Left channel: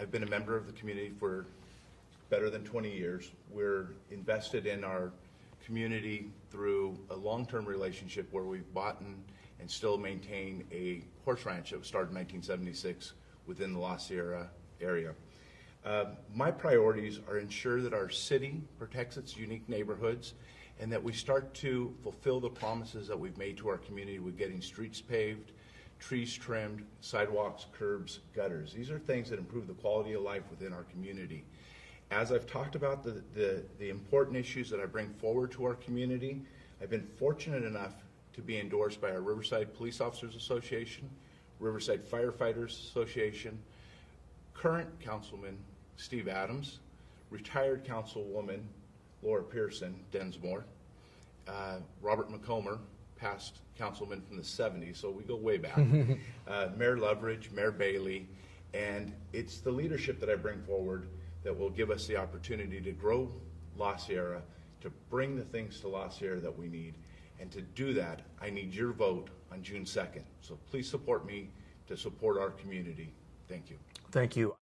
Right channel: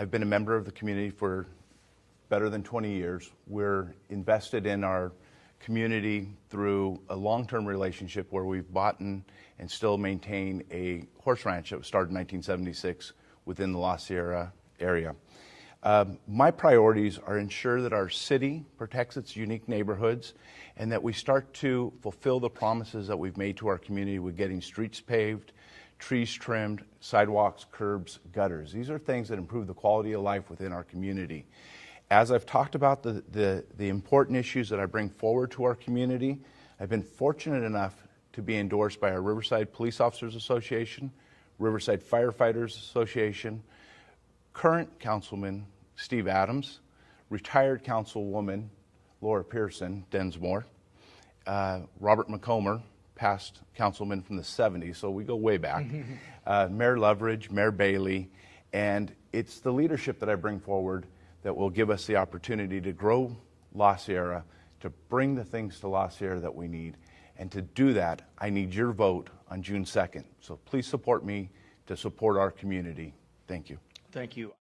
I've been a member of the community for better than 20 years. We're invested in our community through a long-term relationship where we've bought and still maintain a horse ranch that was started in 1976 within the La Sierra area. My priorities are ensure that our city protects its unique neighborhoods and that we start to fulfill the promises that we've made to our community with getting streets paved, trees trimmed, sidewalks, curbs, gutters. These are things that improve the quality of life within our community. As I've talked about the important issues that I bring forward to our community, I've been fortunate enough to be endorsed by our Riverside Police Officers Association, Riverside Firefighters Association, current Councilman Steve Adams, retired Councilwoman Laura Pearson Densmore, Robert McComber, past councilman from the 70s, so we go way back, Mayor Loveridge, Mayor Bailey, and it's the leadership that I bring forward that will give us the opportunity to grow La Sierra, to bring the things to La Sierra that we need. And to do that, I need your vote on June 2nd. So please support me to support our community. Thank you. Thank you.